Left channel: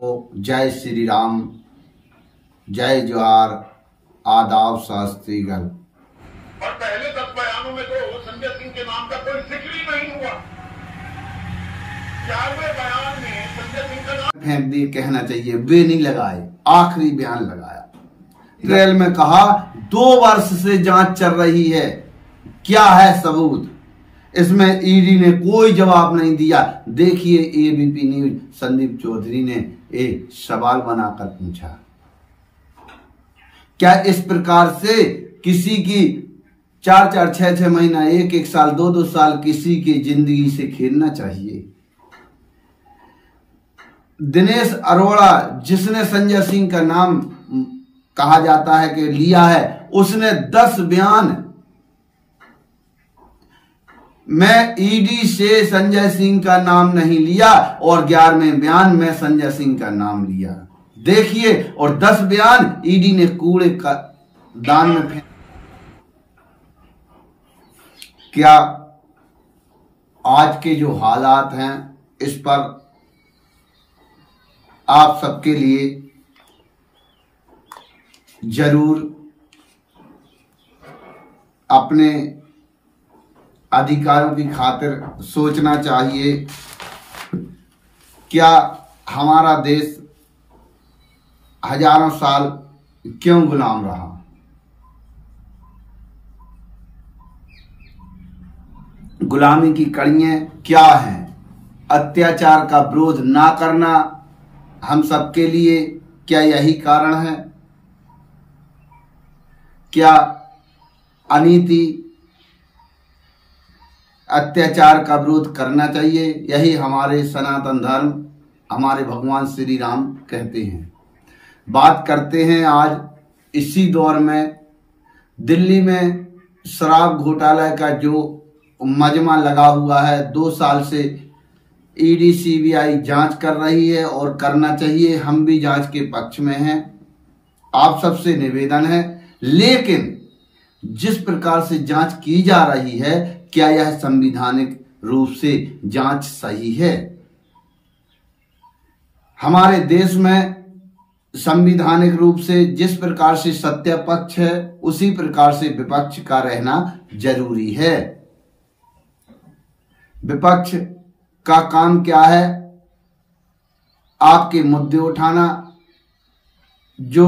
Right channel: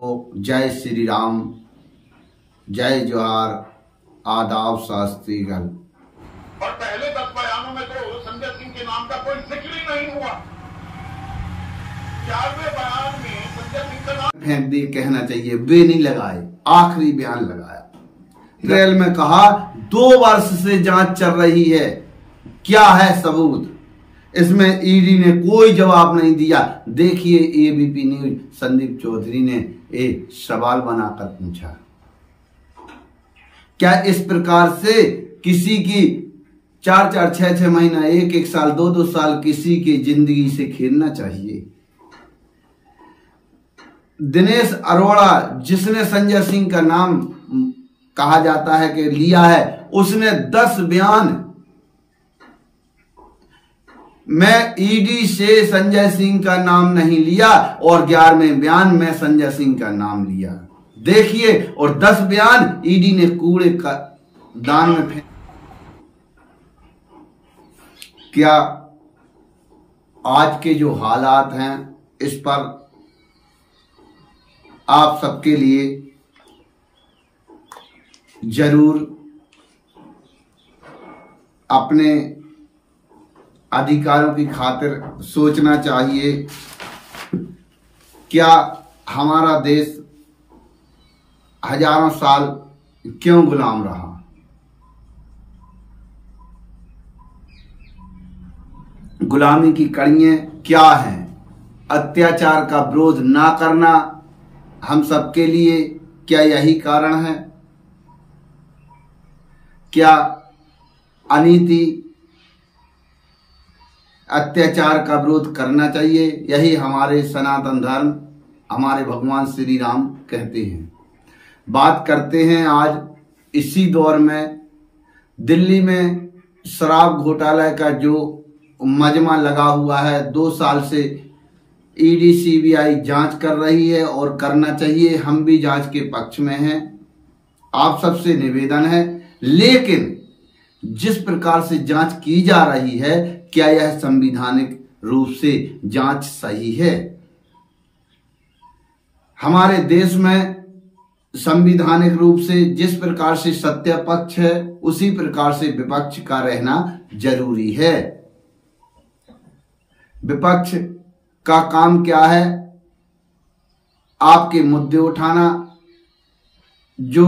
जय श्री राम, जय जोहार, आदाब शास्त्रीगण। और पहले 10 बयानों में तो संजय सिंह के नाम का कोई जिक्र ही नहीं हुआ। 4वें बयान में संजय सिंह का नाम फेंक दिए, कहना चाहिए वे नहीं लगाए, आखिरी बयान लगाया। ट्रेल में कहा 2 वर्ष से जांच चल रही है, क्या है सबूत? इसमें ईडी ने कोई जवाब नहीं दिया। देखिए एबीपी न्यूज संदीप चौधरी ने एक सवाल बनाकर पूछा, क्या इस प्रकार से किसी की 4-4, 6-6 महीना, 1-1 साल, 2-2 साल किसी की जिंदगी से खेलना चाहिए? दिनेश अरोड़ा, जिसने संजय सिंह का नाम कहा जाता है कि लिया है, उसने 10 बयान मैं ईडी से संजय सिंह का नाम नहीं लिया और 11वें बयान में संजय सिंह का नाम लिया। देखिए, और 10 बयान ईडी ने कूड़े का दान में फेंक। क्या आज के जो हालात हैं इस पर आप सबके लिए जरूर अपने अधिकारों की खातिर सोचना चाहिए। क्या हमारा देश हजारों साल क्यों गुलाम रहा? गुलामी की कड़ियां क्या हैं? अत्याचार का विरोध ना करना हम सबके लिए क्या यही कारण है? क्या अनीति, अत्याचार का विरोध करना चाहिए? यही हमारे सनातन धर्म, हमारे भगवान श्री राम कहते हैं। बात करते हैं आज इसी दौर में दिल्ली में शराब घोटाला का जो मजमा लगा हुआ है, 2 साल से ईडी सीबीआई जांच कर रही है और करना चाहिए। हम भी जांच के पक्ष में हैं, आप सबसे निवेदन है। लेकिन जिस प्रकार से जांच की जा रही है, क्या यह संवैधानिक रूप से जांच सही है? हमारे देश में संवैधानिक रूप से जिस प्रकार से सत्य पक्ष है, उसी प्रकार से विपक्ष का रहना जरूरी है। विपक्ष का काम क्या है? आपके मुद्दे उठाना, जो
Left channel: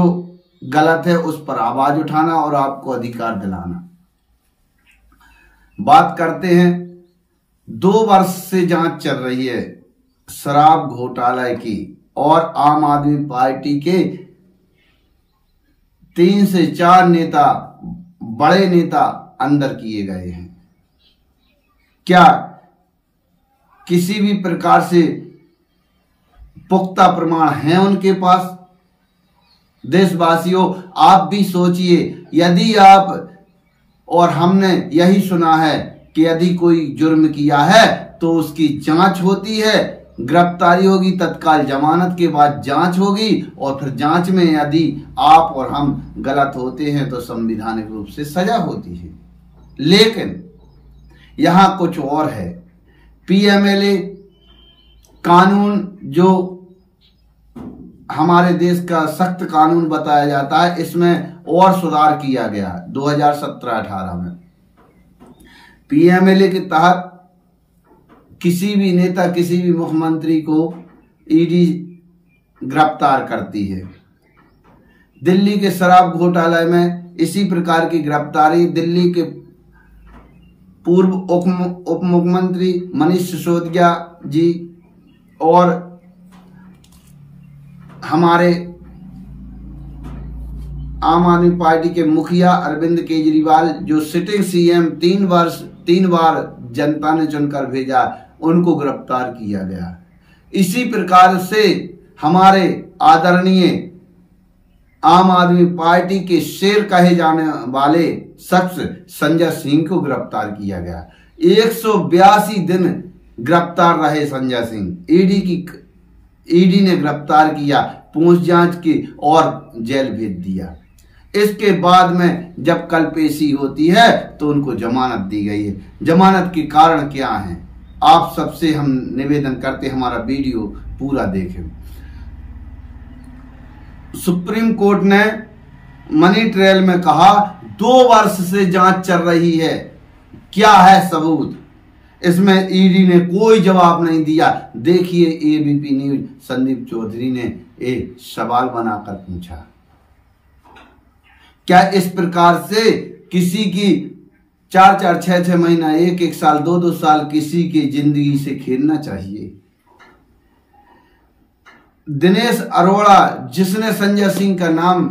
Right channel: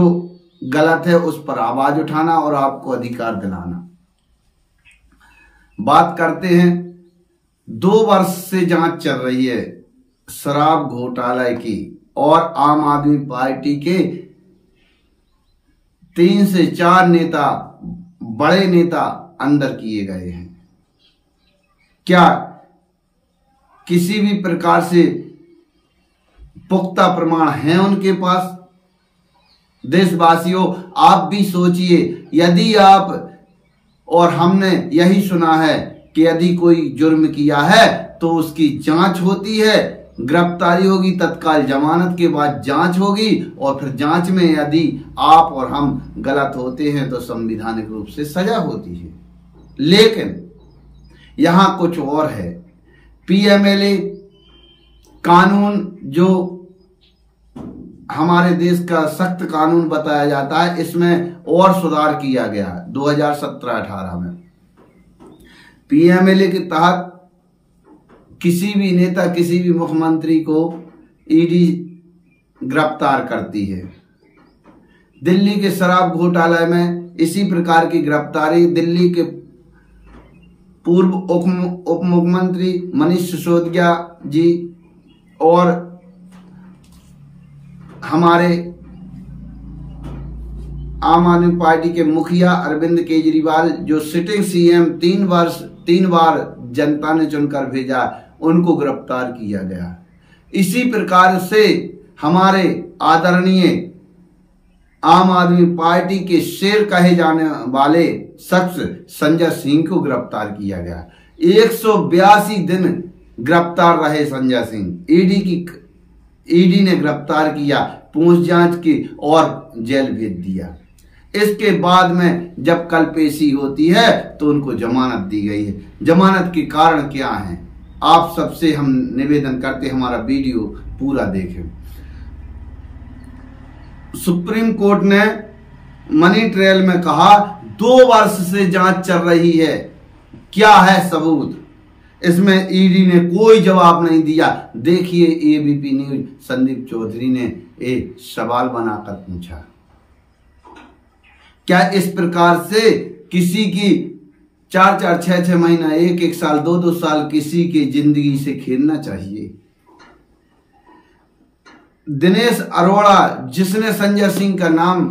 गलत है उस पर आवाज उठाना और आपको अधिकार दिलाना। बात करते हैं, 2 वर्ष से जांच चल रही है शराब घोटाले की और आम आदमी पार्टी के 3 से 4 नेता, बड़े नेता अंदर किए गए हैं। क्या किसी भी प्रकार से पुख्ता प्रमाण हैं उनके पास? देशवासियों, आप भी सोचिए, यदि आप और हमने यही सुना है कि यदि कोई जुर्म किया है तो उसकी जांच होती है, गिरफ्तारी होगी, तत्काल जमानत के बाद जांच होगी और फिर जांच में यदि आप और हम गलत होते हैं तो संवैधानिक रूप से सजा होती है। लेकिन यहां कुछ और है। पीएमएलए कानून, जो हमारे देश का सख्त कानून बताया जाता है, इसमें और सुधार किया गया 2017-18 में। पीएमएलए के तहत किसी भी नेता, किसी भी मुख्यमंत्री को ईडी गिरफ्तार करती है। दिल्ली के शराब घोटाले में इसी प्रकार की गिरफ्तारी दिल्ली के पूर्व उप मुख्यमंत्री मनीष सिसोदिया जी और हमारे आम आदमी पार्टी के मुखिया अरविंद केजरीवाल, जो सिटिंग सीएम 3 बार जनता ने चुनकर भेजा, उनको गिरफ्तार किया गया। इसी प्रकार से हमारे आदरणीय आम आदमी पार्टी के शेर कहे जाने वाले शख्स संजय सिंह को गिरफ्तार किया गया। 182 दिन गिरफ्तार रहे संजय सिंह। ईडी ने गिरफ्तार किया, पूछ जांच की और जेल भेज दिया। इसके बाद में जब कल पेशी होती है तो उनको जमानत दी गई है। जमानत के कारण क्या है, आप सबसे हम निवेदन करते हैं हमारा वीडियो पूरा देखें। सुप्रीम कोर्ट ने मनी ट्रायल में कहा 2 वर्ष से जांच चल रही है, क्या है सबूत? इसमें ईडी ने कोई जवाब नहीं दिया। देखिए एबीपी न्यूज संदीप चौधरी ने एक सवाल बनाकर पूछा, क्या इस प्रकार से किसी की 4-4, 6-6 महीना, 1-1 साल, 2-2 साल किसी की जिंदगी से खेलना चाहिए? दिनेश अरोड़ा, जिसने संजय सिंह का नाम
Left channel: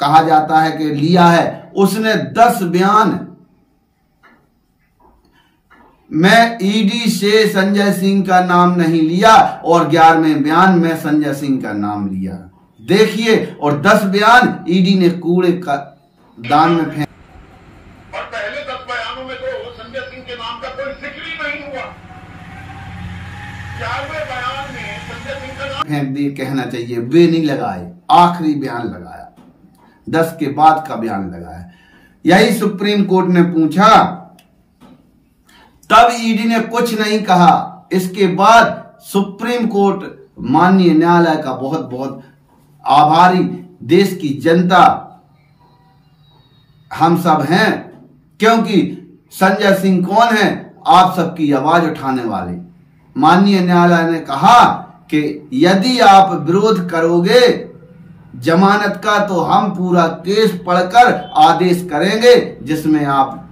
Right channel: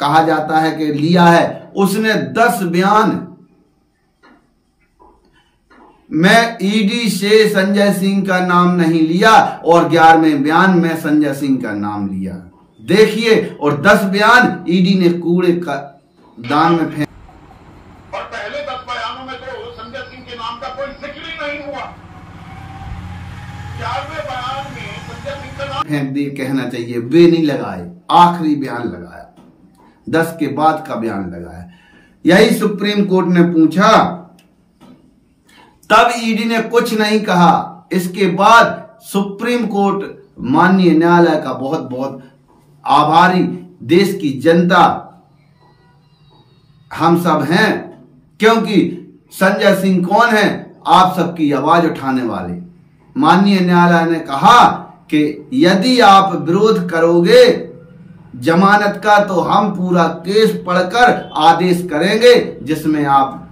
कहा जाता है कि लिया है, उसने 10 बयान मैं ईडी से संजय सिंह का नाम नहीं लिया और 11वें बयान में संजय सिंह का नाम लिया। देखिए, और 10 बयान ईडी ने कूड़े का दान में फेंक। और पहले 10 बयानों में तो संजय सिंह के नाम का कोई जिक्र ही नहीं हुआ। 11वें बयान में संजय सिंह का नाम फेंक दिए, कहना चाहिए वे नहीं लगाए, आखिरी बयान लगाया, 10 के बाद का बयान लगाया। यही सुप्रीम कोर्ट ने पूछा, तब ईडी ने कुछ नहीं कहा। इसके बाद सुप्रीम कोर्ट माननीय न्यायालय का बहुत बहुत आभारी, देश की जनता हम सब हैं, क्योंकि संजय सिंह कौन है? आप सबकी आवाज उठाने वाले। माननीय न्यायालय ने कहा कि यदि आप विरोध करोगे जमानत का तो हम पूरा केस पढ़कर आदेश करेंगे, जिसमें आप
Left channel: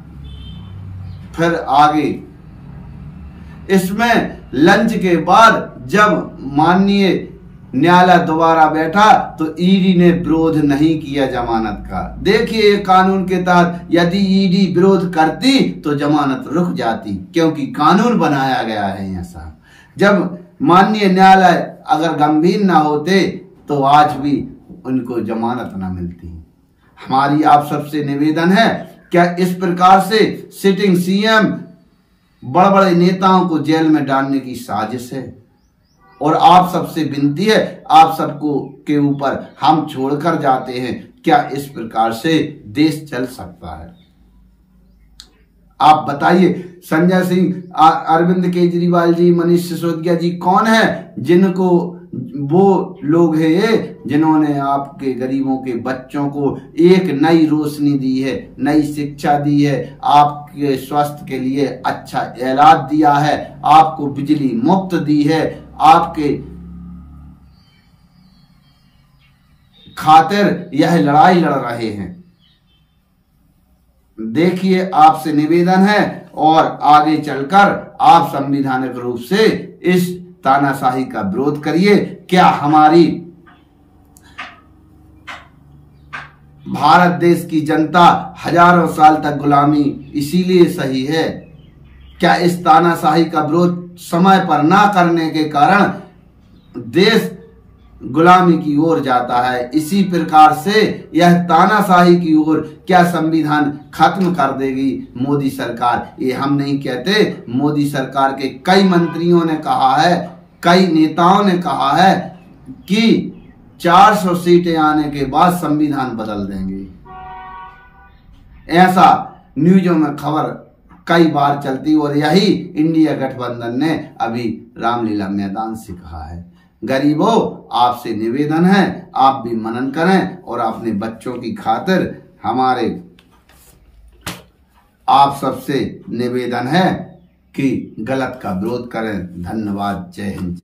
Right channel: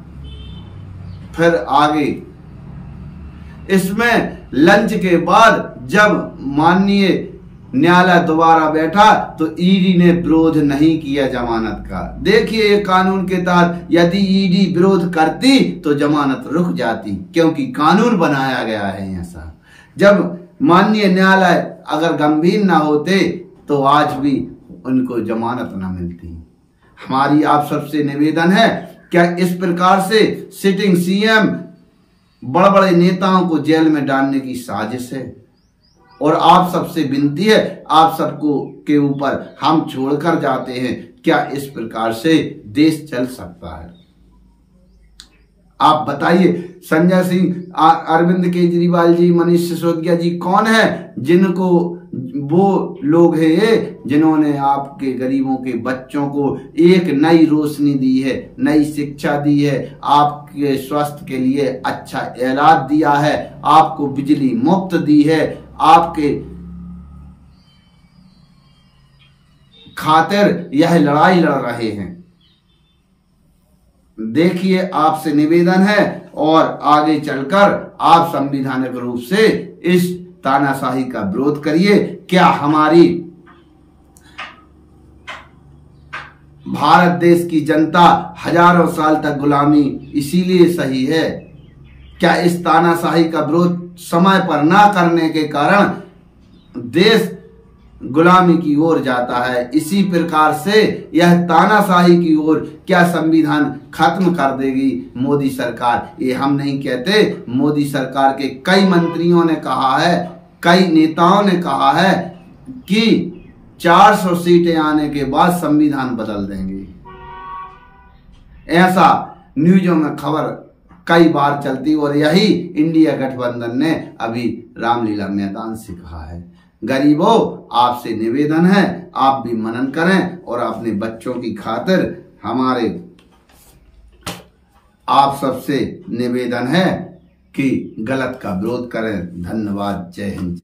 फिर आगे। इसमें लंच के बाद जब माननीय न्यायालय दोबारा बैठा तो ईडी ने विरोध नहीं किया जमानत का। देखिए, कानून के तहत यदि ईडी विरोध करती तो जमानत रुक जाती, क्योंकि कानून बनाया गया है ऐसा। जब माननीय न्यायालय अगर गंभीर ना होते तो आज भी उनको जमानत ना मिलती। हमारी आप सबसे निवेदन है, क्या इस प्रकार से सिटिंग सीएम बड़े बड़े नेताओं को जेल में डालने की साजिश है? और आप सबसे विनती है, आप सबको के ऊपर हम छोड़कर जाते हैं, क्या इस प्रकार से देश चल सकता है? आप बताइए। संजय सिंह, अरविंद केजरीवाल जी, मनीष सिसोदिया जी कौन है जिनको, वो लोग हैं ये जिन्होंने आपके गरीबों के बच्चों को एक नई रोशनी दी है, नई शिक्षा दी है, आपके स्वास्थ्य के लिए अच्छा इलाज दिया है, आपको बिजली मुफ्त दी है, आपके खातिर यह लड़ाई लड़ रहे हैं। देखिए, आपसे निवेदन है और आगे चलकर आप संवैधानिक रूप से इस तानाशाही का विरोध करिए। क्या हमारी भारत देश की जनता हजारों साल तक गुलामी इसीलिए सही है? क्या इस तानाशाही का विरोध समय पर ना करने के कारण देश गुलामी की ओर जाता है? इसी प्रकार से यह तानाशाही की ओर क्या संविधान खत्म कर देगी मोदी सरकार? ये हम नहीं कहते, मोदी सरकार के कई मंत्रियों ने कहा है, कई नेताओं ने कहा है कि 400 सीटें आने के बाद संविधान बदल देंगे। ऐसा न्यूज़ों में खबर कई बार चलती, और यही इंडिया गठबंधन ने अभी रामलीला मैदान से कहा है। गरीबों, आपसे निवेदन है, आप भी मनन करें और अपने बच्चों की खातिर हमारे आप सबसे निवेदन है कि गलत का विरोध करें। धन्यवाद। जय हिंद।